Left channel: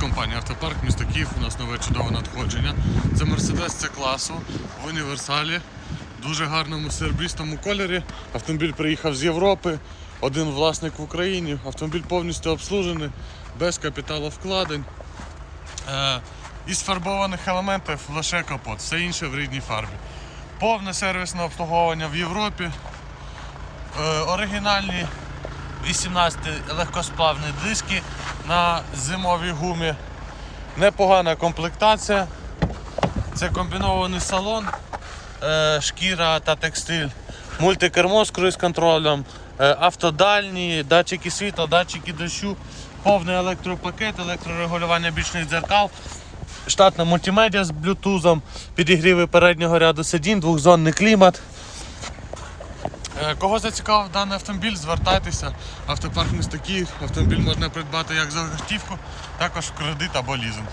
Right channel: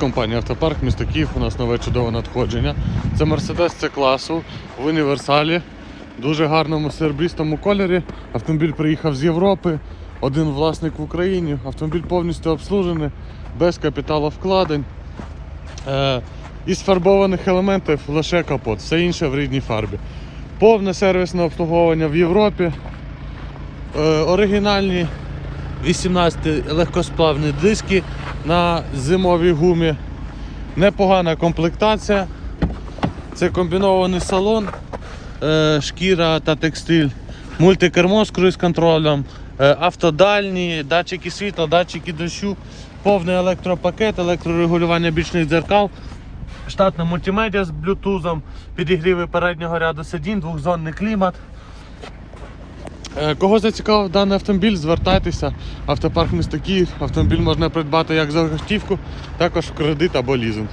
компанія Автопарк, місто Київ. У нас нове чудове надходження. Це Mercedes C класу в універсалі. Дуже гарному серебристому кольорі. Автомобіль приїхав з Європи. Один власник в Україні. Автомобіль повністю обслужений, без капіталовкладень. Е, із фарбованих елементів лише капот, все інше в рідній фарбі. Повне сервісне обслуговування в Європі. Е, оригінальні 18 легкосплавні диски на зимовій гумі. Непогана комплектація. Це комбінований салон, е, шкіра та текстиль, мультикермо з круїз-контролем, е, автодальні, датчики світла, датчики дощу, повний електропакет, електрорегулювання бічних дзеркал, штатна мультимедіа з блютузом, підігріви переднього ряду сидінь, двохзонний клімат. Е, Кого зацікавив даний автомобіль, звертайтеся. Автопарк міста Київ. Автомобіль можна придбати як за готівку, також в кредит або лізинг.